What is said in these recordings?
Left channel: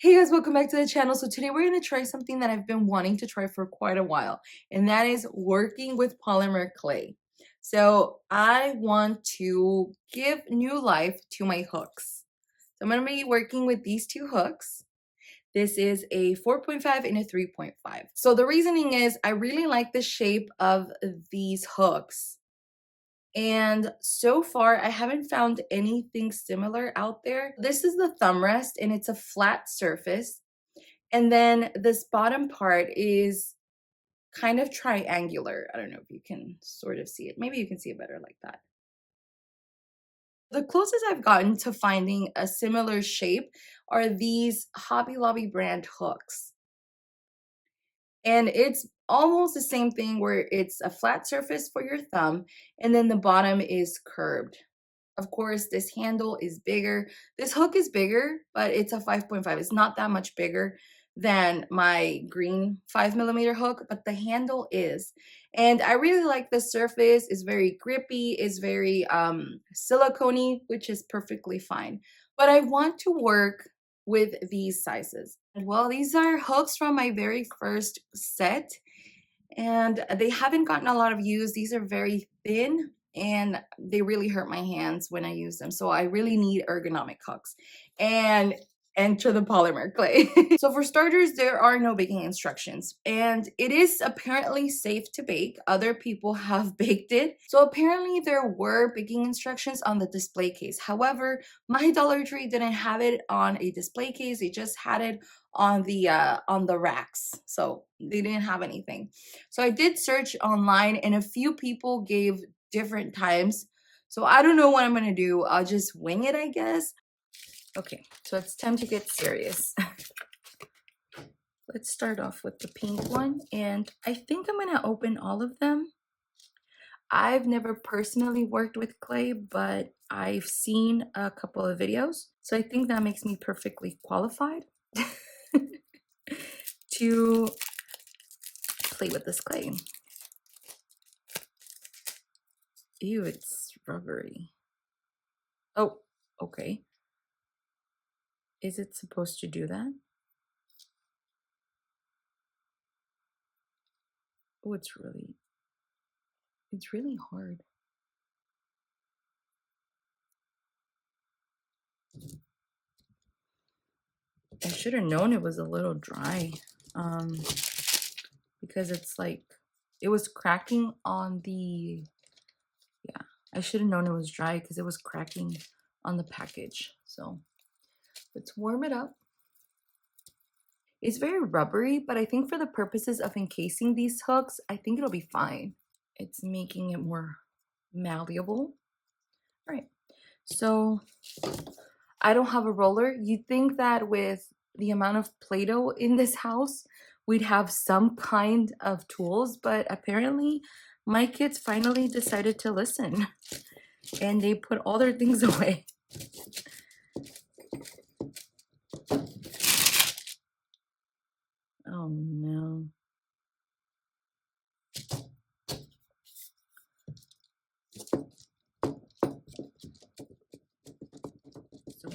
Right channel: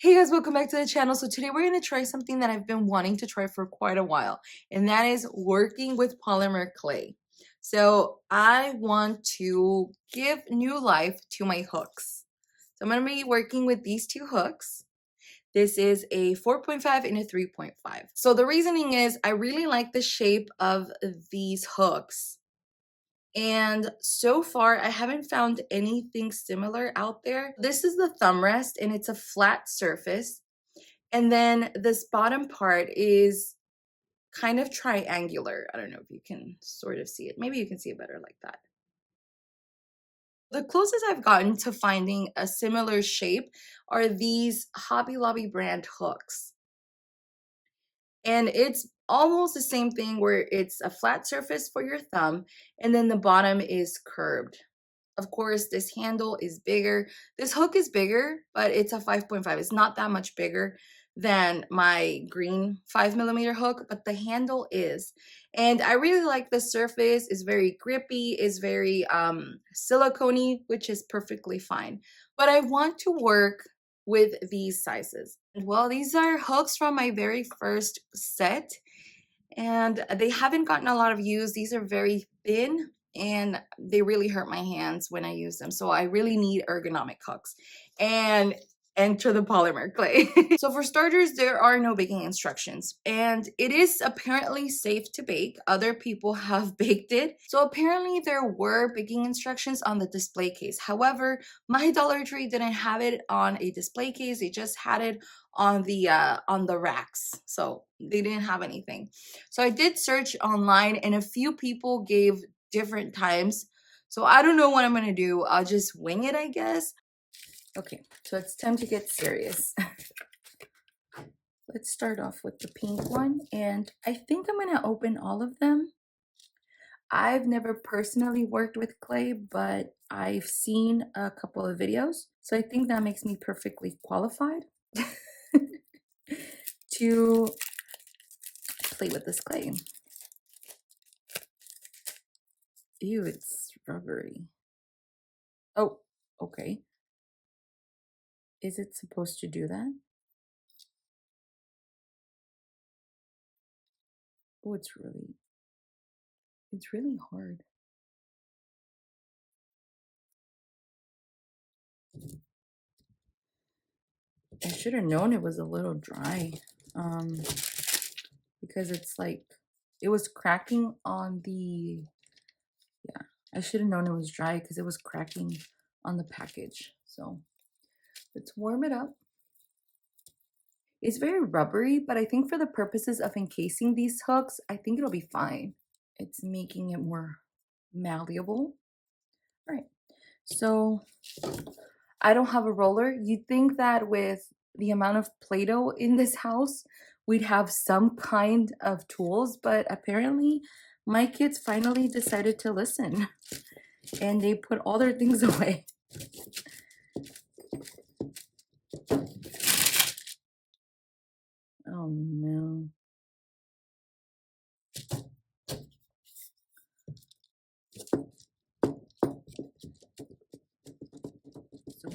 Hey guys, welcome back to the channel. So today we're going to try something that I've been wanting to try for quite a while, and that is working with polymer clay. So I want to give new life to my hooks. So I'm going to be working with these two hooks. This is a 4.5 and a 3.5. So the reasoning is I really like the shape of these hooks. And so far, I haven't found anything similar out there. This is the thumb rest, and it's a flat surface. And then this bottom part is kind of triangular. I don't know if you can sort of see it. Maybe you can see it better like that. The closest I've gotten to finding a similar shape are these Hobby Lobby brand hooks. And it's almost the same thing where it's a flat surface for your thumb and then the bottom is curved. Of course, this handle is bigger. This hook is bigger, but it's a 5.5. It's not that much bigger than my green 5mm hook, but the handle is. And I really like the surface. It's very grippy. It's very silicone-y, which is perfectly fine. But I want to work with these sizes. Well, these are hooks from my very first set, and they haven't gotten a lot of use. These are very thin and they really hurt my hands when I use them. So I really need ergonomic hooks and enter the polymer clay. So for starters, there are no baking instructions, and it is apparently safe to bake. Other people have baked it. So apparently there were baking instructions on the display case. However, my Dollar Tree didn't have it on a display case. They just had it on the racks. So they didn't have anything. So I did search online and a few people gave different times. So I don't know what I'm gonna do. I'll just wing it, I guess. Okay, so it's time to get serious. Let's start off with the pink one, and I think I'm gonna open all of them. I've never personally worked with clay, but I've seen a couple of videos, so I think that makes me perfectly qualified to play with this clay. Ew, it's rubbery. Oh, okay. Is it supposed to do that? Oh, it's really hard. I should have known it was a little dry, because it's like, it was cracking on the, yeah, I should have known it was dry because it was cracking on the package. So let's warm it up. It's very rubbery, but I think for the purposes of encasing these hooks, I think it'll be fine. It's making it more malleable. All right, so I don't have a roller. You'd think that with the amount of Play-Doh in this house, we'd have some kind of tools, but apparently my kids finally decided to listen and they put all their things away. Oh no. So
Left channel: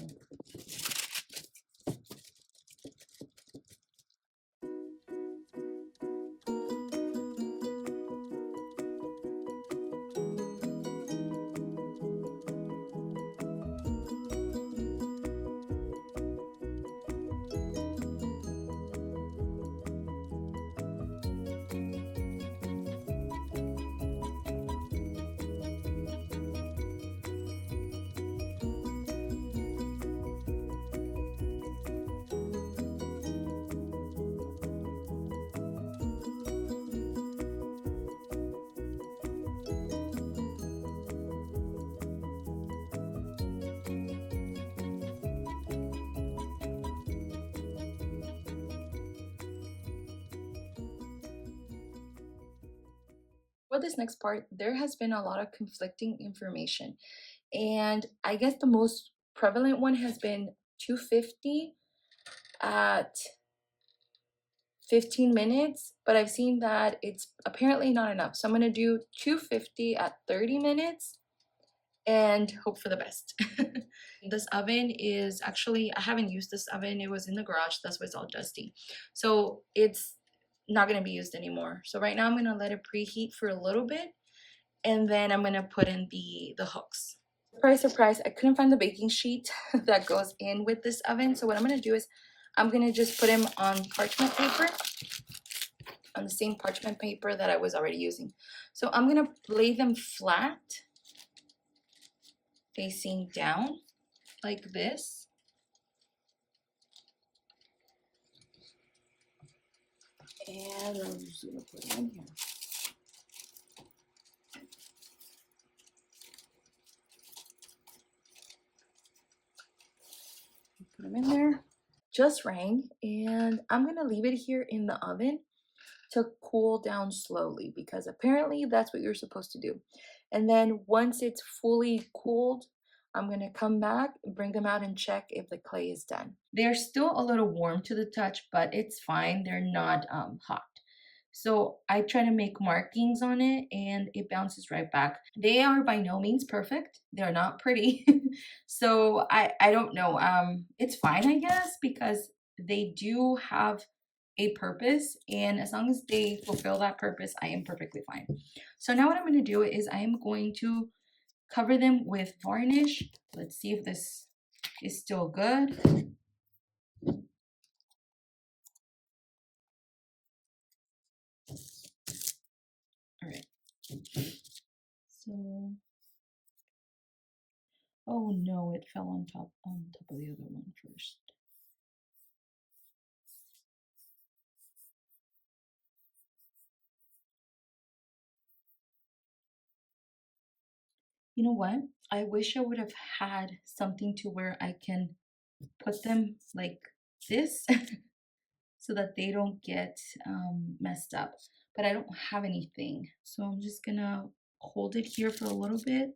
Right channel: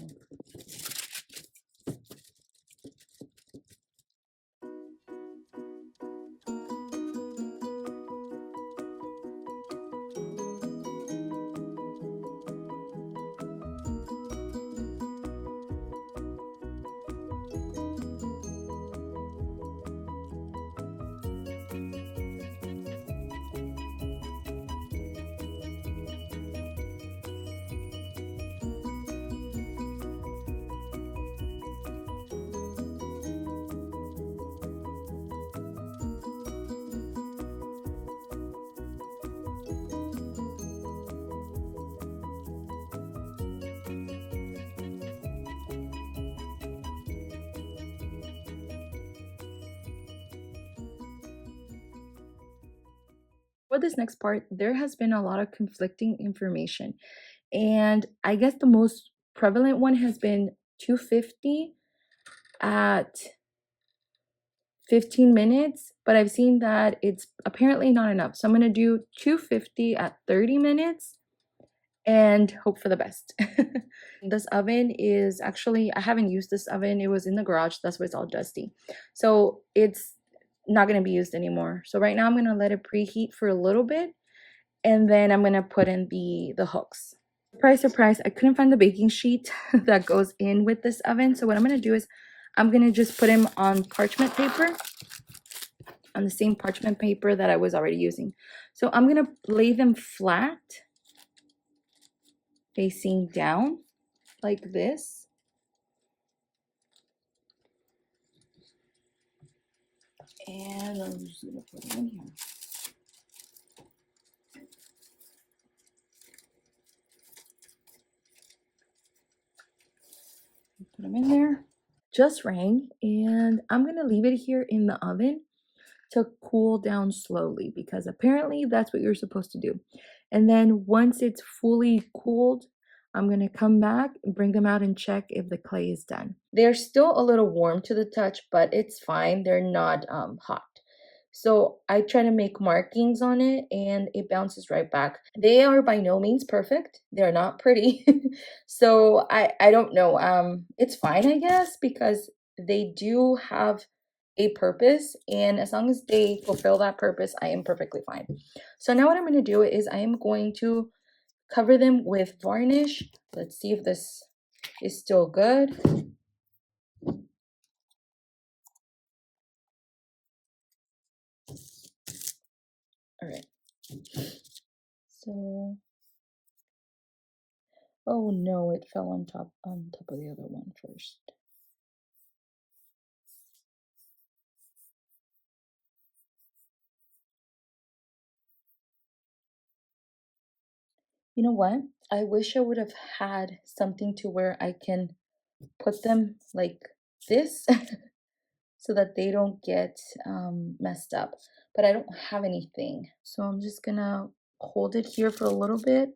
for this next part, there has been a lot of conflicting information. And I guess the most prevalent one has been 250 at 15 minutes, but I've seen that it's apparently not enough. So I'm going to do 250 at 30 minutes and hope for the best. This oven is actually, I haven't used this oven. It was in the garage. That's why it's all dusty. So it's not going to be used anymore. So right now I'm going to let it preheat for a little bit, and then I'm going to put in the hooks. Surprise, surprise, I couldn't find the baking sheet that goes in with this oven. So what I'm going to do is I'm going to just put them on parchment paper, on the same parchment paper that I was already using. So I'm going to lay them flat, facing down like this. And I'm just going to put them in here. Put them in there. Just rang, and I'm going to leave it here in the oven to cool down slowly, because apparently that's what you're supposed to do. And then once it's fully cooled, I'm going to come back and bring them out and check if the clay is done. They're still a little warm to the touch, but it's fine. They're not hot. So I try to make markings on it and it bounces right back. They are by no means perfect. They're not pretty. So I don't know. It's fine, I guess, because they do have a purpose, and as long as they fulfill that purpose, I am perfectly fine. So now what I'm going to do is I am going to cover them with varnish. Let's see if this is still good. All right. So, oh no, it fell on top of the other one first. You know what? I wish I would have had something to where I can put them like this so that they don't get messed up. But I don't have anything. So I'm just gonna hold it here for a little bit.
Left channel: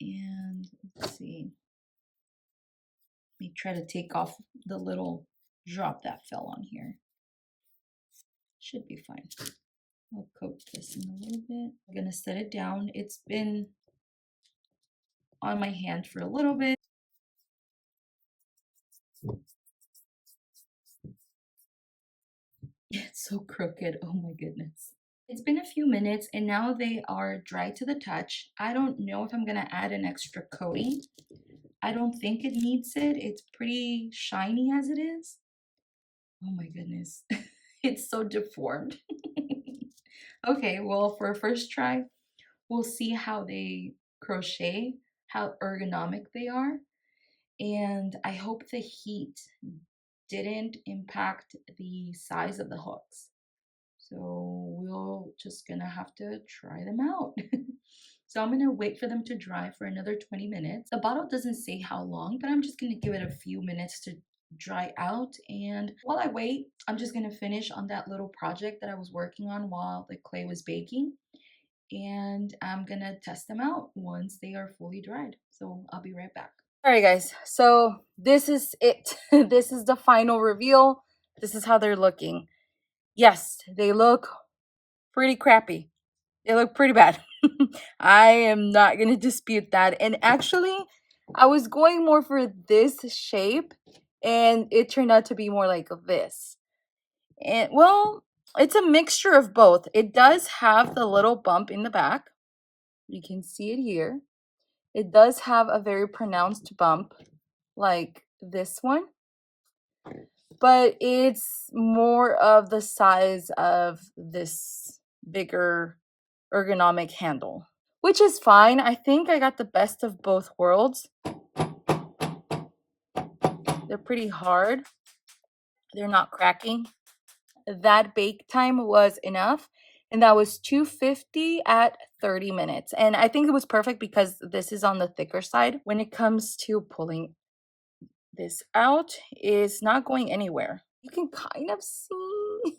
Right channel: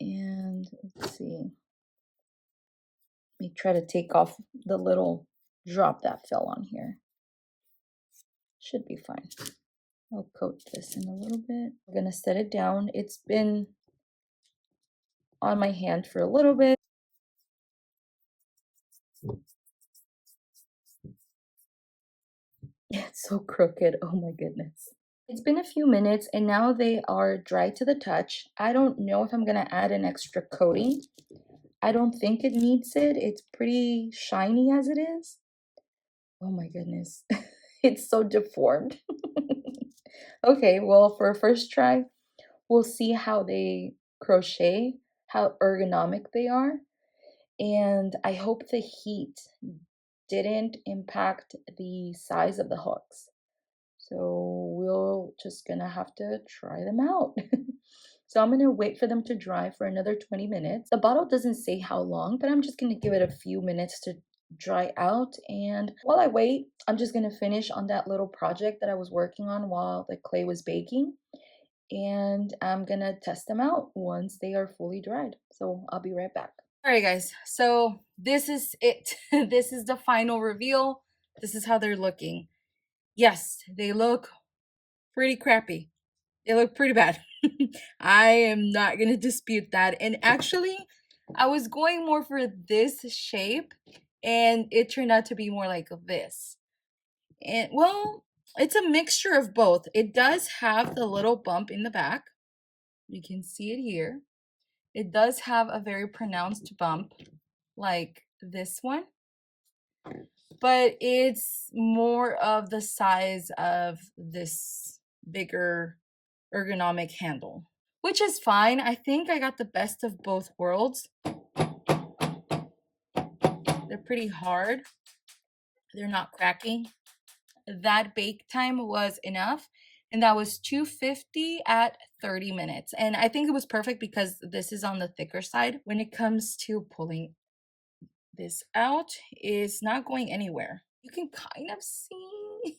And let's see. Let me try to take off the little drop that fell on here. Should be fine. I'll coat this in a little bit. I'm gonna set it down. It's been on my hand for a little bit. It's so crooked. Oh my goodness. It's been a few minutes and now they are dry to the touch. I don't know if I'm gonna add an extra coating. I don't think it needs it. It's pretty shiny as it is. Oh my goodness. It's so deformed. Okay, well, for a first try, we'll see how they crochet, how ergonomic they are. And I hope the heat didn't impact the size of the hooks. So we're just gonna have to try them out. So I'm gonna wait for them to dry for another 20 minutes. The bottle doesn't say how long, but I'm just gonna give it a few minutes to dry out. And while I wait, I'm just gonna finish on that little project that I was working on while the clay was baking. And I'm gonna test them out once they are fully dried. So I'll be right back. All right, guys. So this is it. This is the final reveal. This is how they're looking. Yes, they look pretty crappy. They look pretty bad. I am not going to dispute that. And actually, I was going more for this shape, and it turned out to be more like this. And well, it's a mixture of both. It does have the little bump in the back. You can see it here. It does have a very pronounced bump like this one, but it's more of the size of this bigger ergonomic handle, which is fine. I think I got the best of both worlds. They're pretty hard. They're not cracking. That bake time was enough, and that was 250 at 30 minutes. And I think it was perfect because this is on the thicker side. When it comes to pulling this out, is not going anywhere. You can kind of see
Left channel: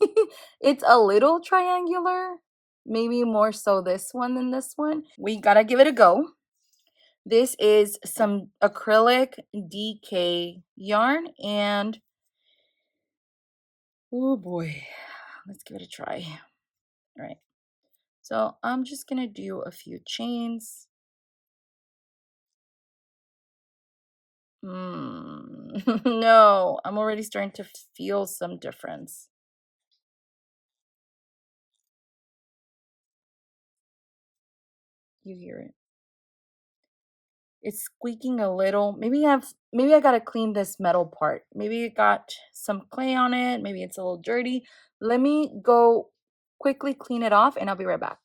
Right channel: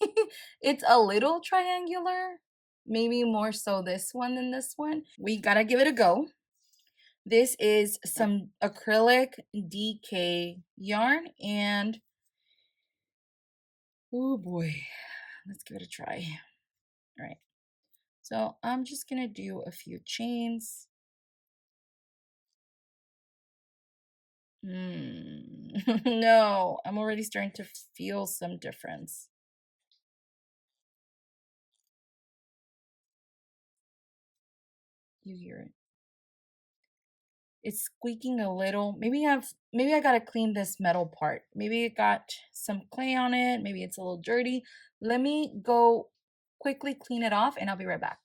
it's a little triangular, maybe more so this one than this one. We gotta give it a go. This is some acrylic DK yarn, and oh boy, let's give it a try. All right, So I'm just gonna do a few chains. No, I'm already starting to feel some difference. You hear it. It's squeaking a little. Maybe I gotta clean this metal part. Maybe it got some clay on it. Maybe it's a little dirty. Let me go quickly clean it off and I'll be right back.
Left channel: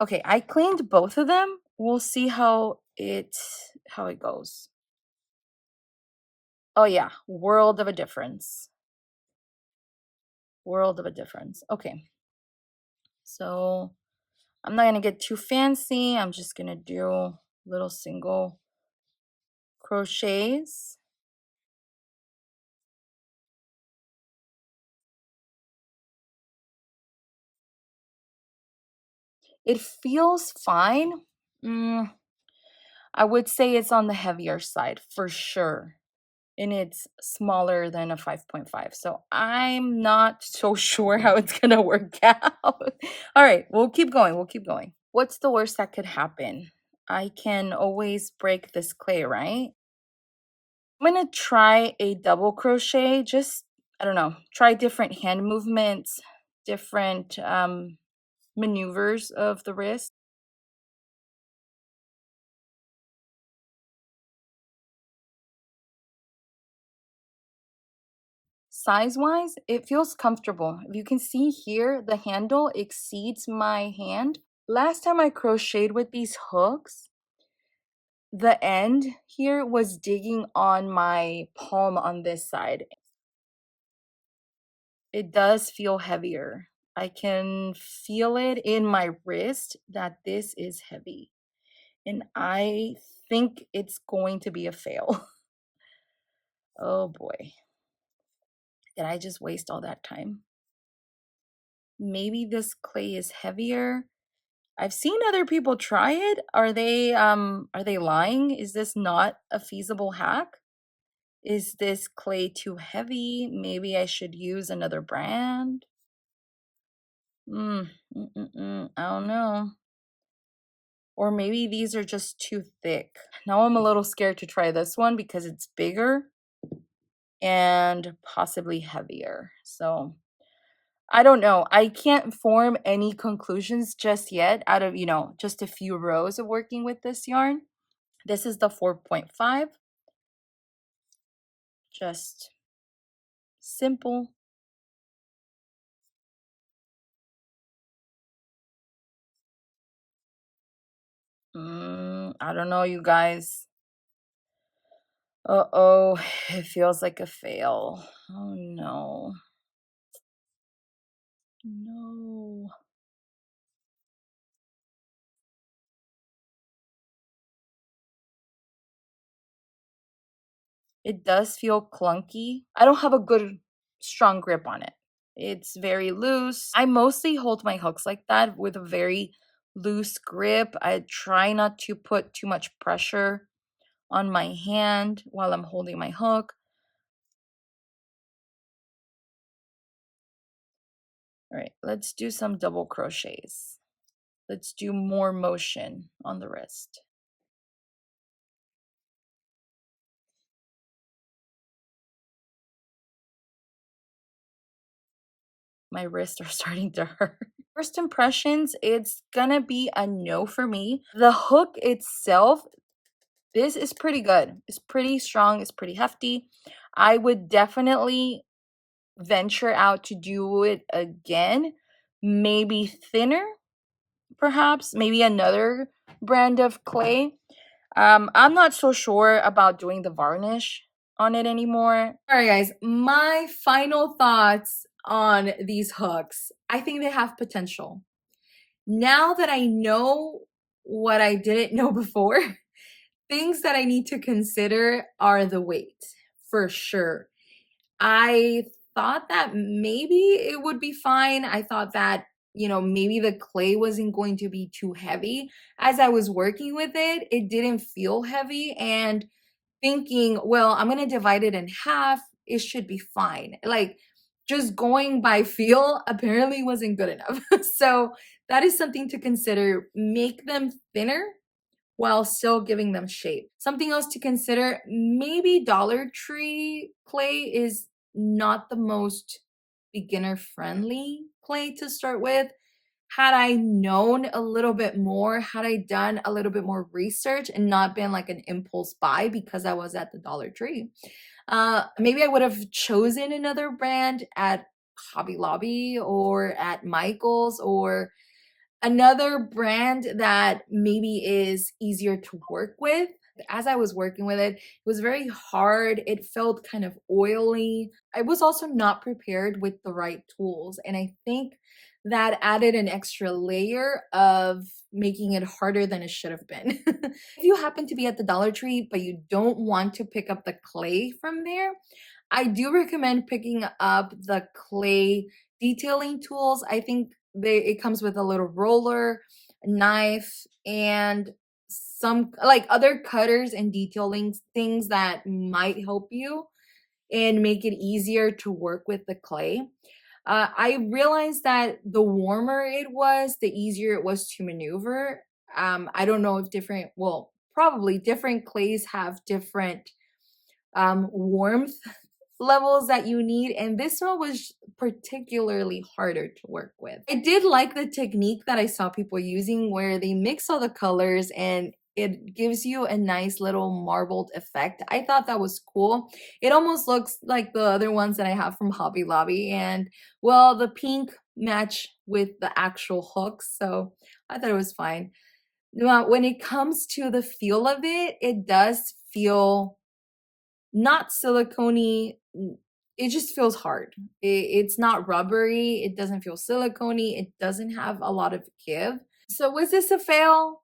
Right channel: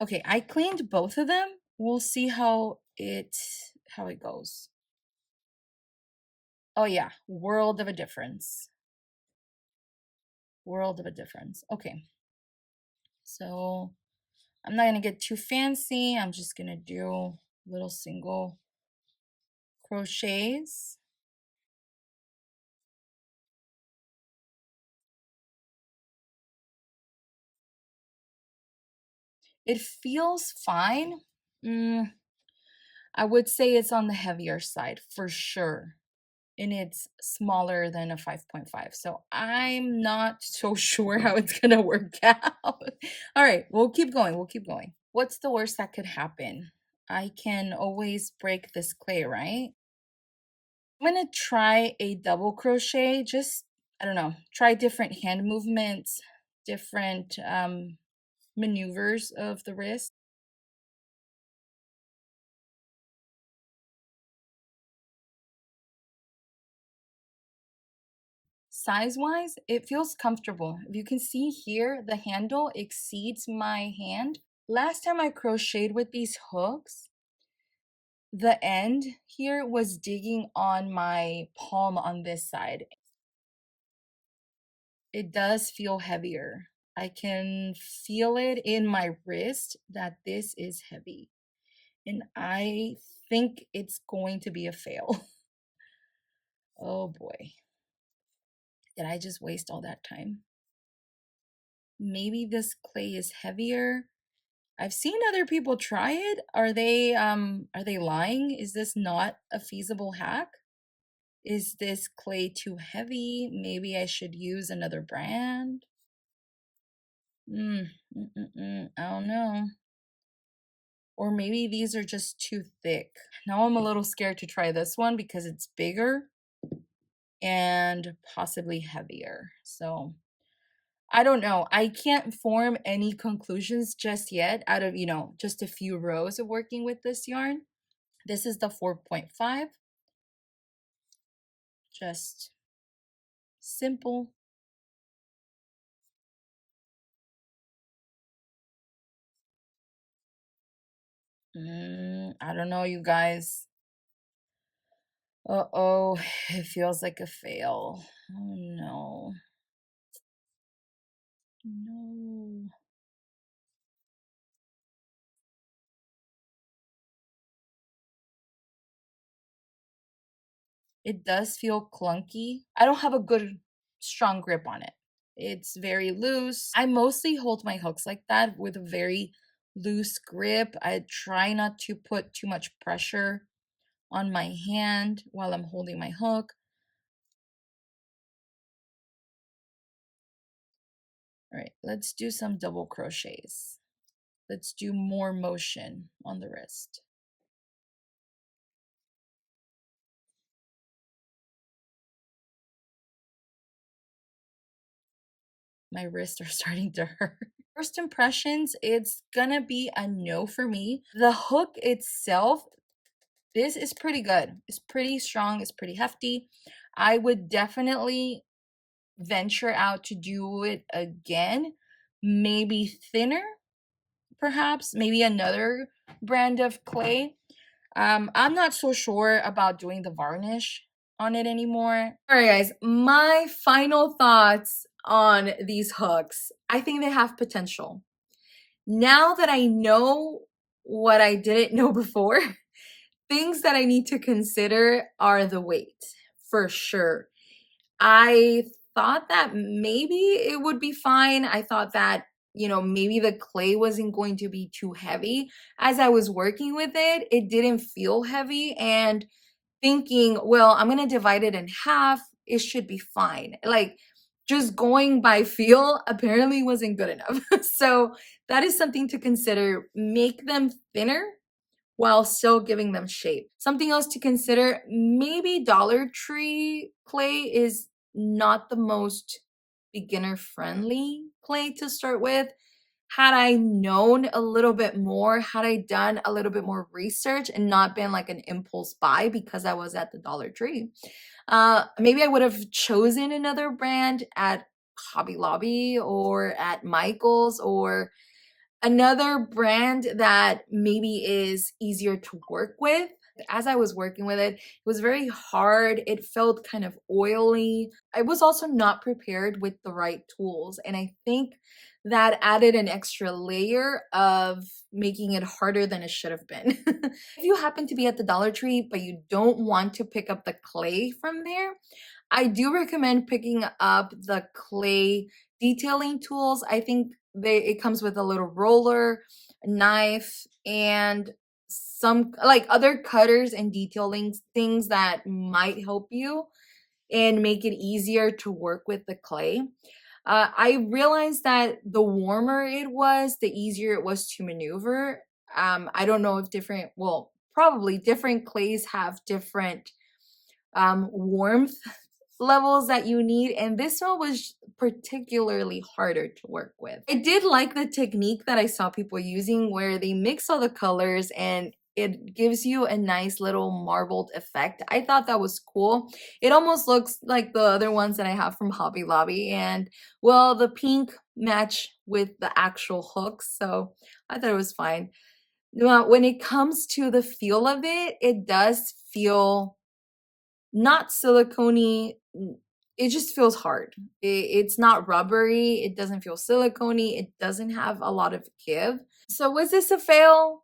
Okay, I cleaned both of them. We'll see how it goes. Oh yeah, world of a difference. World of a difference. Okay. So I'm not gonna get too fancy. I'm just gonna do little single crochets. It feels fine. Mm, I would say it's on the heavier side for sure. And it's smaller than a 5.5. So I'm not so sure how it's going to work out. All right, we'll keep going. We'll keep going. What's the worst that could happen? I can always break this clay, right? I'm going to try a double crochet. Just, I don't know, try different hand movements, different maneuvers of the wrist. Size-wise, it feels comfortable. If you can see here, the handle exceeds my hand. Last time I crocheted with these hooks, the end here was digging on my palm on this side. It does feel heavier. I can feel it in my wrist that this is heavy. And I think it's going to be a fail. Oh boy. Did I just waste all that time? Maybe this clay is heavier. I've seen other people try it. Are they lying? Is this not a feasible hack? Is this clay too heavy? Maybe I should use another brand. I don't know. Or maybe these are just too thick. Now I'm a little scared to try this one because it's bigger and possibly heavier. So I don't know. I can't form any conclusions just yet out of, just a few rows of working with this yarn. This is the 4.5. Just simple. I don't know, you guys. Uh-oh, it feels like a fail. Oh no. No. It does feel clunky. I don't have a good, strong grip on it. It's very loose. I mostly hold my hooks like that with a very loose grip. I try not to put too much pressure on my hand while I'm holding my hook. All right, let's do some double crochets. Let's do more motion on the wrist. My wrists are starting to hurt. First impressions, it's gonna be a no for me. The hook itself, this is pretty good. It's pretty strong, it's pretty hefty. I would definitely venture out to do it again. Maybe thinner, perhaps, maybe another brand of clay. I'm not so sure about doing the varnish on it anymore. All right, guys, my final thoughts on these hooks. I think they have potential. Now that I know what I didn't know before, things that I need to consider are the weight, for sure. I thought that maybe it would be fine. I thought that, maybe the clay wasn't going to be too heavy. As I was working with it, it didn't feel heavy. And thinking, well, I'm going to divide it in half. It should be fine. Like, just going by feel apparently wasn't good enough. So that is something to consider. Make them thinner while still giving them shape. Something else to consider, maybe Dollar Tree clay is not the most beginner friendly clay to start with. Had I known a little bit more, had I done a little bit more research and not been like an impulse buy because I was at the Dollar Tree, maybe I would have chosen another brand at Hobby Lobby or at Michael's or another brand that maybe is easier to work with. As I was working with it, it was very hard. It felt kind of oily. I was also not prepared with the right tools. And I think that added an extra layer of making it harder than it should have been. If you happen to be at the Dollar Tree, but you don't want to pick up the clay from there, I do recommend picking up the clay detailing tools. I think it comes with a little roller, knife, and some like other cutters and detailing things that might help you and make it easier to work with the clay. I realized that the warmer it was, the easier it was to maneuver. I don't know if well, probably different clays have different warmth levels that you need, and this one was particularly harder to work with. I did like the technique that I saw people using where they mix all the colors and it gives you a nice little marbled effect. I thought that was cool. It almost looks like the other ones that I have from Hobby Lobby, and well, the pink match with the actual hooks, so I thought it was fine. Now, when it comes to the feel of it, it does feel not silicone. It just feels hard. It's not rubbery. It doesn't feel silicone. It doesn't have a lot of give. So was this a fail?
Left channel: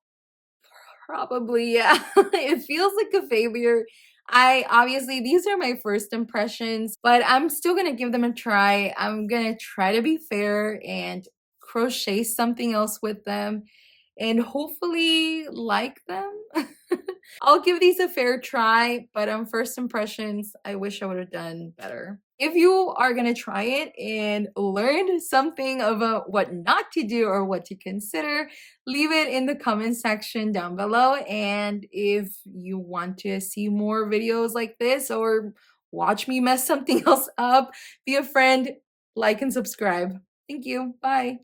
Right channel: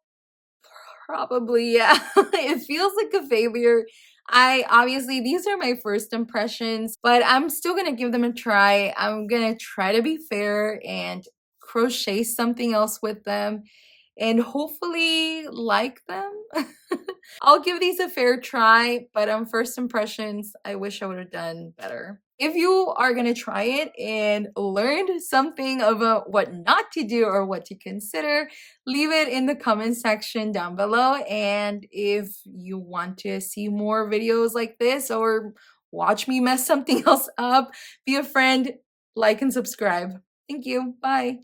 Probably, yeah. It feels like a failure. I obviously, these are my first impressions, but I'm still gonna give them a try. I'm gonna try to be fair and crochet something else with them and hopefully like them. I'll give these a fair try, but on first impressions, I wish I would have done better. If you are going to try it and learned something about what not to do or what to consider, leave it in the comment section down below. And if you want to see more videos like this or watch me mess something else up, be a friend, like, and subscribe. Thank you. Bye.